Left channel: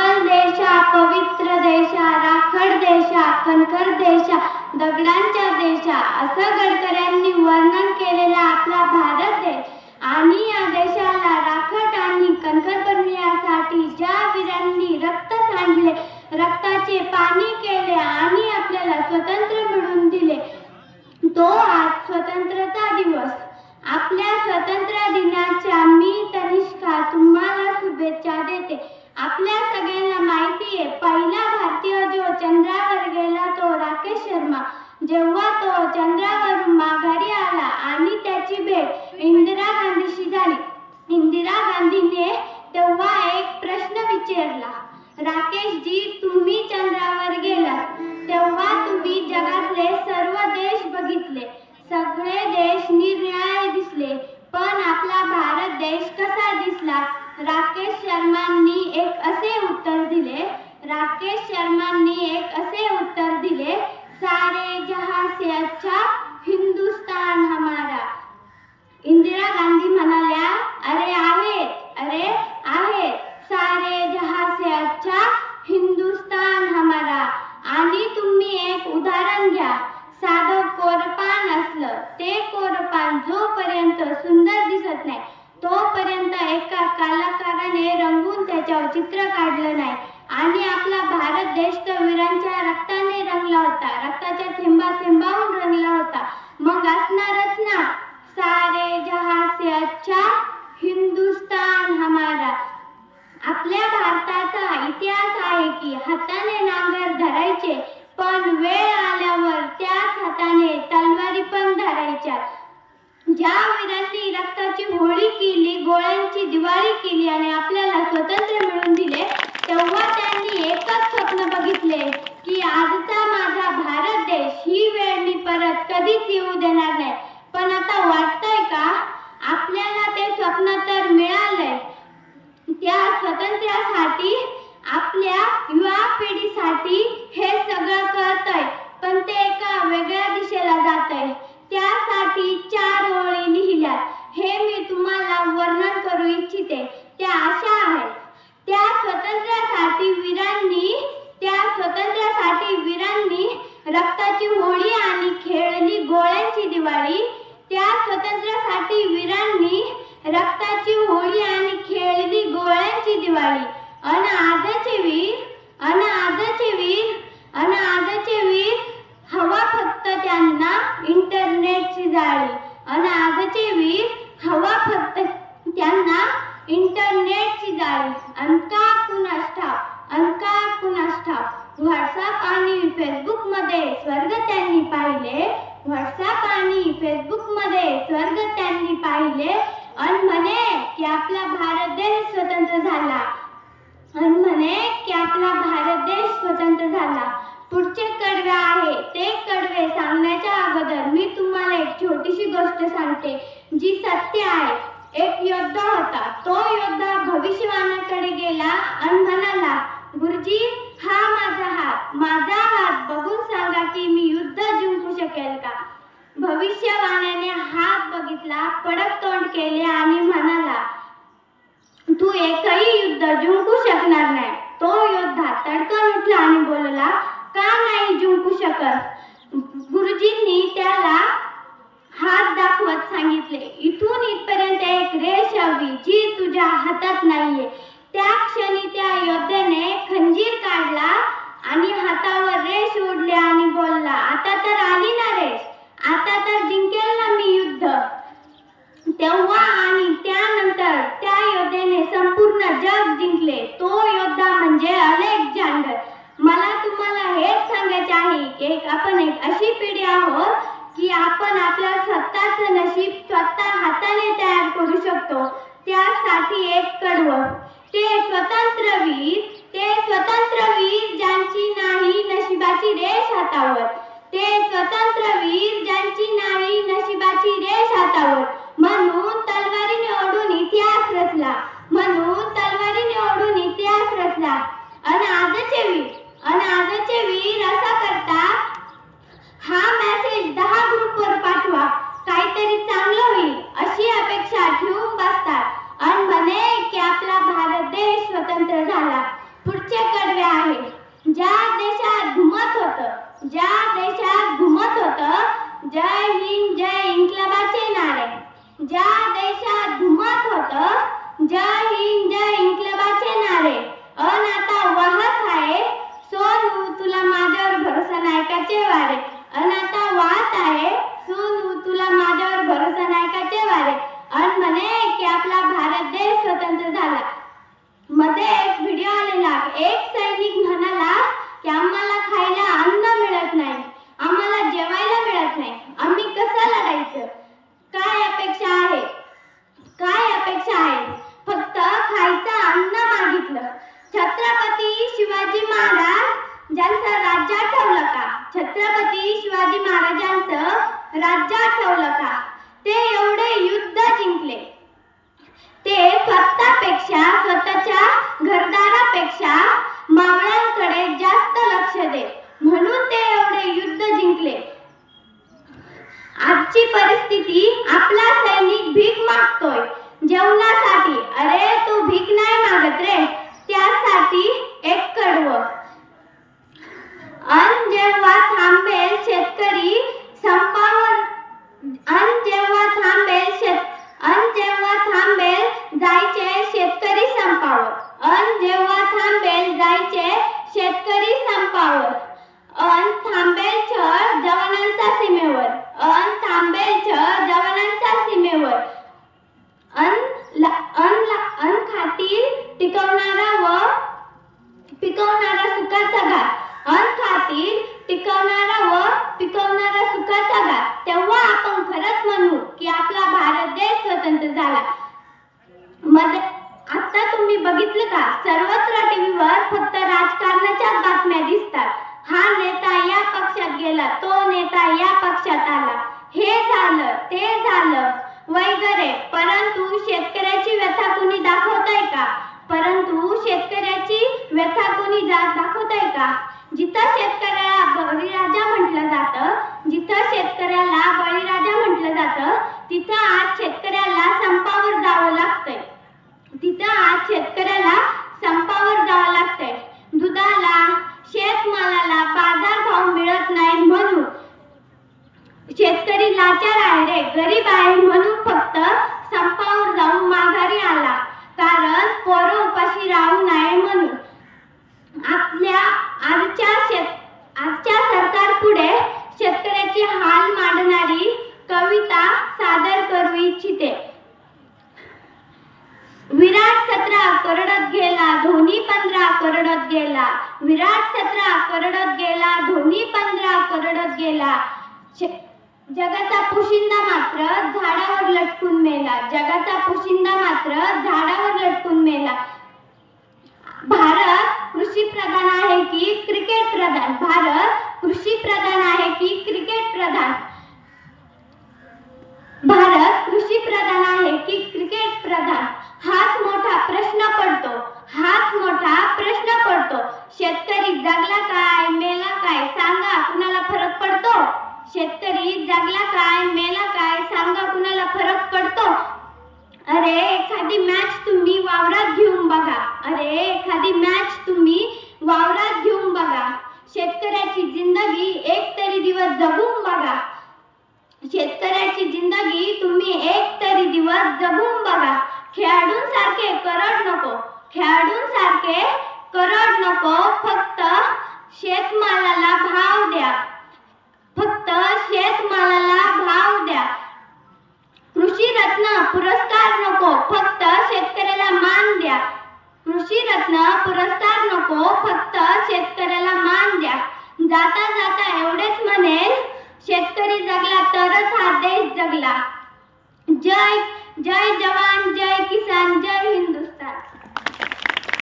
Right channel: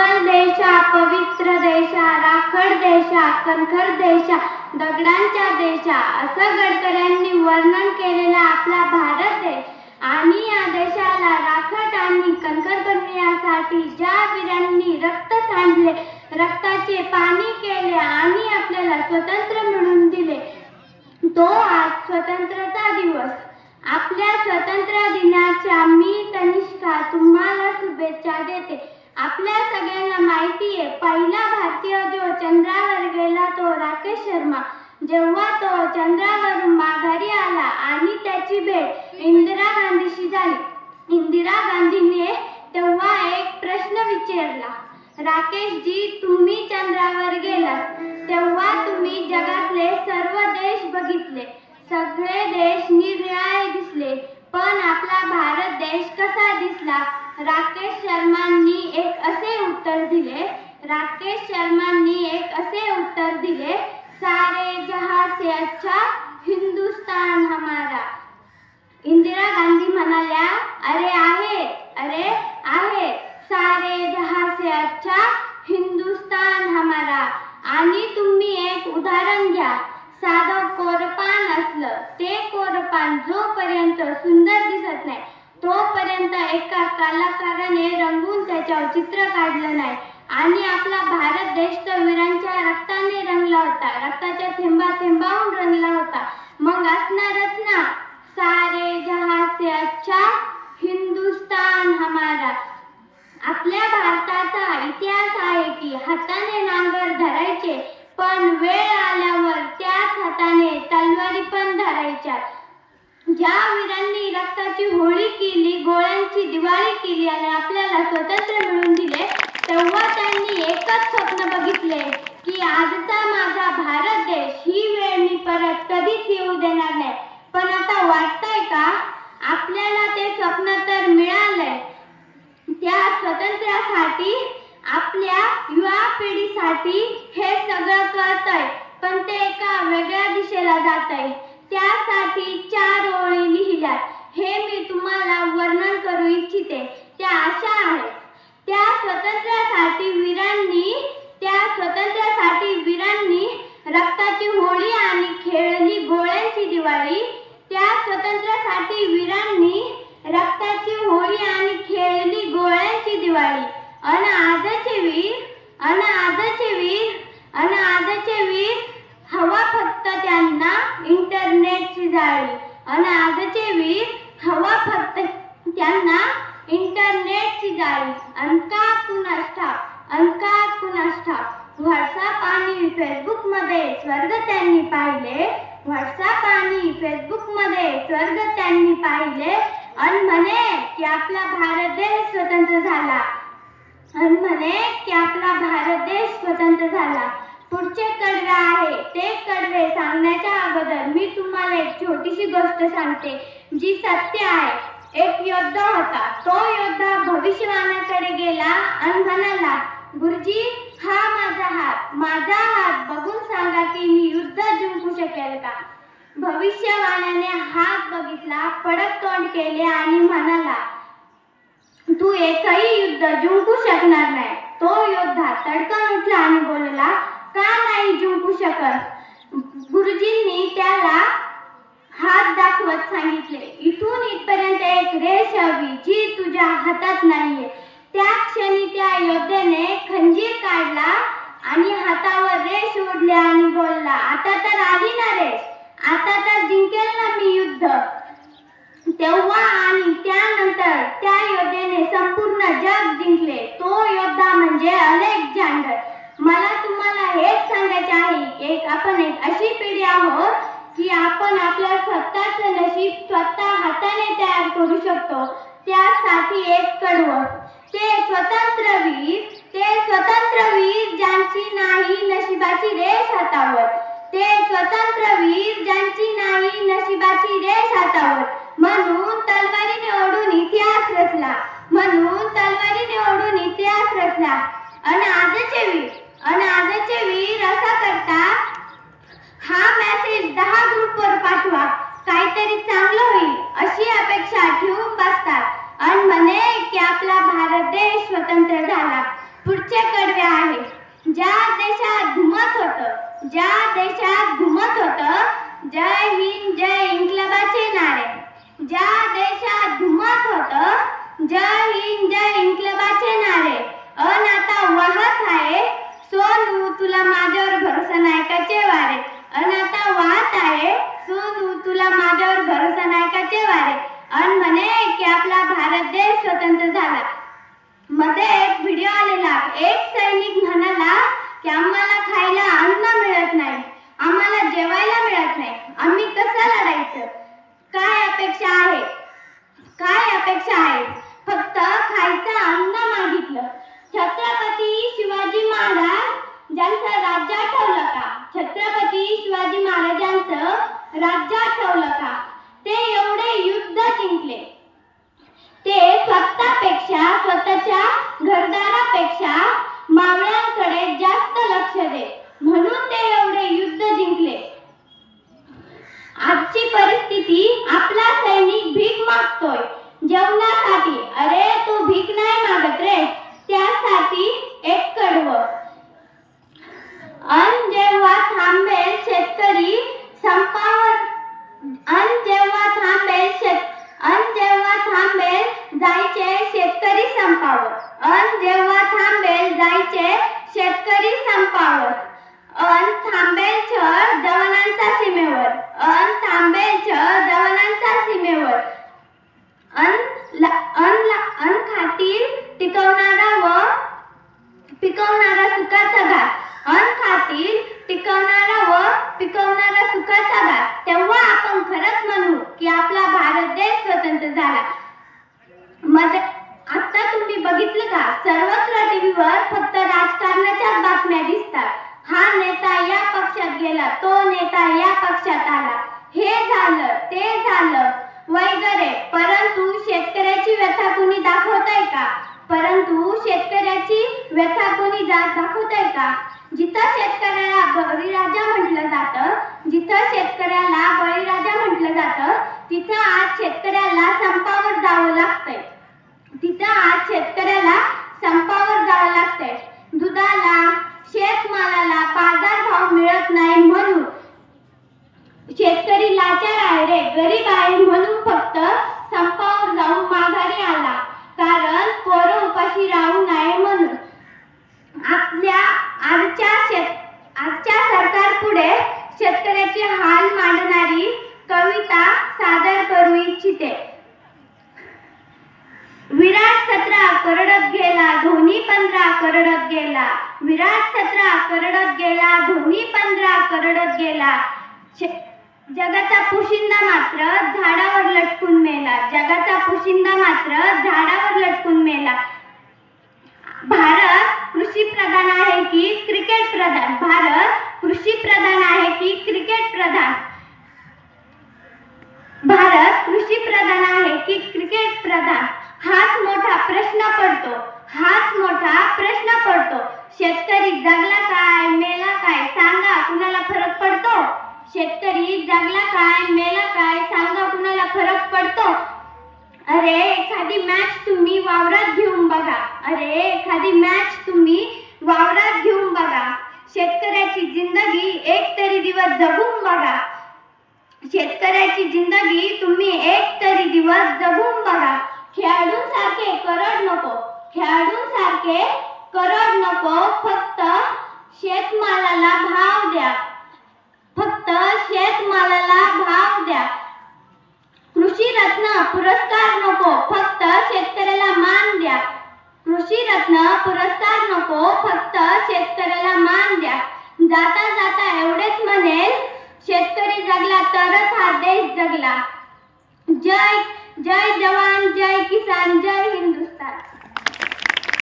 उज्ज्वल देशा, पवित्र देशा, राखड देशा, कणखर देशा, दगडांच्या देशा असं गडकऱ्यांनी वर्णन केलेला आपला भारत देश आणि या देशाला राखड आणि कणखर बनविण्यासाठी ज्या वीरांनी रक्त सांडले, रक्ताचे पाणी केले आणि आपल्याला स्वतंत्र मिळवून दिले, तो आज स्वतंत्रता दिवस. आपल्या स्वातंत्र्य दिनाच्या मी तनिष्का तुम्हाला शुभेच्छा देते. आपल्या सगळ्यांना माहिती आहे, पहिला भारतीय जो चंद्रावर गेला तो राकेश शर्मा. जेव्हा तो चंद्रावरून माघारी आला आणि त्याची भेट इंदिरा गांधीशी झाली, इंदिरा गांधीने तेव्हा एक प्रश्न विचारला, राकेशजी, तुम्ही चंद्रावर गेलात तेव्हा तुम्ही जगातले सर्व देश बघितले, सगळे देश निरनिराळे दिसले, पण आपला भारत देश कसा दिसला? राकेश शर्मांनी एक असे उत्तर दिले, राकेश शर्मांनी एक असे उत्तर दिले, सारे जहां से अच्छा हिंदुस्तान हमारा. इंदिरा गांधी म्हणाल्या, अरे आहे, सारे जहां से अच्छा हिंदुस्तान हमारा. आणि तुम्ही एक उदाहरण घ्या, साधं कोरपान असलं, ते कोरपान जोपर्यंत सुंदर दिसत नाही तोपर्यंत एका कलाकाराने रंगवून त्याच्यावर चित्र काढलं नाही. आणि आपला भारत देश तर वीरांच्या रक्ताने रंगला होता, रक्ताच्या थेंबाहून रंगला होता. मग असणारच ना, सारे जहां से अच्छा हिंदुस्तान हमारा. आपल्या भारताचा इतिहास आहे की हाताने नांगर धरायचे, पण वेळ आल्यावर त्याच हाताने तलवारी पण धरायच्या. ज्या वीरांनी रक्ताची होळी केली, गोळ्यांची दिवाळी केली आणि आपल्याला स्वतंत्र मिळवून दिले, तेव्हा त्यांनी एकच स्वप्न बघितले की आजचा माझा भारत देश, ही वेळ मी परत कधीच येऊ देणार नाही. पण आता वाटतंय का आपल्याला ते स्वप्न तर मिळालंय. त्या स्वातंत्र्यासाठी, आपल्या युवा पिढीसाठी हे सगळं कळतंय, पण ते एका वेगळ्या दिशेला जातंय. त्यासाठी 4 ओळी लिहिल्या, हे मी तुम्हाला वर्णन करू इच्छिते. त्या अशा आहेत, त्या स्वातंत्र्यासाठी वीरांनी रक्ताची होळी आणि खेळली गोळ्यांची दिवाळी. त्या स्वातंत्र्यासाठी वीरांनी रक्ताची होळी आणि खेळली गोळ्यांची दिवाळी. अन आजचे वीर हवा फक्त त्यांना इंटरनेटची जाळी. अन आजचे वीर हवा फक्त त्यांना इंटरनेटची जाळी. अनका कुणास ठाव व्हॉट्सअप आणि फेसबुक मध्ये स्वर्ग त्यांनी पाहिले, व्हॉट्सअप आणि फेसबुक मध्ये स्वर्ग त्यांनी पाहिले. अन म्हणे की आपला भारत देश स्वतंत्र झाला, पुढचे कडवे आहे. ते कडवे सांगण्याच्या अगोदर मी तुम्हाला एक छोटीशी गोष्ट सांगते जी सत्य आहे. एक योद्धा होता. तो योद्धा भविष्यवाण्याकडे गेला आणि म्हणाला, गुरुजी, हा माझा हात बघून सांगा की मी युद्ध जिंकू शकेल का? भविष्यवाण्याने हात बघितला, पडक तोंड केले आणि म्हणाला, तू एकही युद्ध जिंकू शकणार नाही. तो योद्धा तडकन उठला आणि बोलला, का नाही जिंकू शकत? गुरुजींनी त्याला हात दाखवत सांगितले, इथून इथपर्यंत एक रेष हवी जी तुझ्या हातात नाहीये. त्या क्षणी त्या योद्ध्याने खंजीर काढला आणि हातावर रेष ओढली आणि बोलला, आता तर आली ना रेष, आता तर जिंकेल ना मी युद्ध. तेव्हा आणि त्यानंतर त्या योद्ध्याने संपूर्ण जग जिंकले. तो योद्धा म्हणजे अलेक्झांडर. मला तुम्हाला हेच सांगायचे आहे की आपण एक अशी पिढी आहोत की आपण आपल्या स्वतःचं नशीब स्वतः हाताने तयार करू शकतो. त्यासाठी एक कडवं पुढचे कडवे आहे. ज्या देशात घुमत होतं जय हिंद जय इन्क्लाबाचे नारे. ज्या देशात घुमत होतं जय हिंद जय इन्क्लाबाचे नारे. अन आता वाहत आहे सोनू तुला माझ्यावर भरोसा नाही काचे वारे. अन आता वाहत आहे सोनू तुला माझ्यावर भरोसा नाही काचे वारे. अन म्हणे की आपला भारत देश स्वतंत्र झाला. मध्ये एक व्हिडिओ आलेला. एक सैनिक म्हणाला की आम्हाला खायला अन्न मिळत नाही, आम्हाला जेवायला मिळत नाही, आम्ही कसं लढायचं. काय अपेक्षा आहे फक्त खायचं अन्न मागितलं. छत्रपती शिवाजी महाराज ज्यांचं राज्य आठवलं का. छत्रपती शिवाजी महाराजांचं राज्य आठवलं का. ते एवढे युद्ध जिंकले. ते स्वतःच्या घरदारापेक्षा मावळ्यांकडे जास्त लक्ष दे म्हणून ते एवढे युद्ध जिंकले. आजची परिस्थिती आपला सैनिक भीक मागतोय जेवणासाठी. अरे तू भीक नाही मागत रे, त्यासाठी एक कडवं. अन जेव्हा थांबेल शेतकरी संपावर जायचे शेतकरी संपावर. थांबेल छळ जवानांच्या सीमेवर. खातील पिकवणारा सुखाचा घात. तेव्हा आपण खरंच म्हणू की आपला भारत देश स्वतंत्र झाला. आता तुम्ही बघितलं का सर्वत्र टीव्हीवर फक्त राजकारणाच्या बातम्या दिसतात. हा नेता या पक्षात गेला, तो नेता या पक्षात आला, हे झालं ते झालं वगैरे. परंतु शेतकऱ्याची व्यथा कोणी दाखवतंय का. जिथं शेतकऱ्याला बळीराजा म्हटलं जातं तिथं आज शेतकऱ्याला संपावर जावं लागतंय. दुधाला शेतमालाला बाजारभाव मिळत नाही म्हणून शेतकरी लाचार आहे रे, गरीब आहे म्हणून फक्त संपावर जाऊन माघारी आला. कारण पोरं उपाशी राहू नये म्हणून. आजच्या सरकार पुढे शेतकऱ्याचे हाल मांडणारी कविता सादर करू इच्छिते. विराट 17 करडत गेला, धोनी 15 करडत गेला. विराट 17 करडत गेला, धोनी 15 करडत गेला. जगाचा पोशिंदा मात्र झाडावर लटकून मेला. भारत कृषी प्रधान आहे की क्रिकेट प्रधान. हाच मोठा प्रश्न पडतो. शेतकरी जगला काय मेला काय सांगा कुणाला फरक पडतो. अरे एखादी मॅच तुम्ही वावरात घेऊन बघा. शेतकऱ्याची जिंदगी एक तरी दिवस जगून बघा. खेळाडूंसारखे करड नको. फक्त शेतमालाला भाव द्या. कृषी रत्न पुरस्कार नको, फक्त शेतकऱ्याला मान द्या. जाता जाता एवढेच म्हणेल, शेतकरी जगला तरच हा देश जगला. जय जवान, जय किसान, जय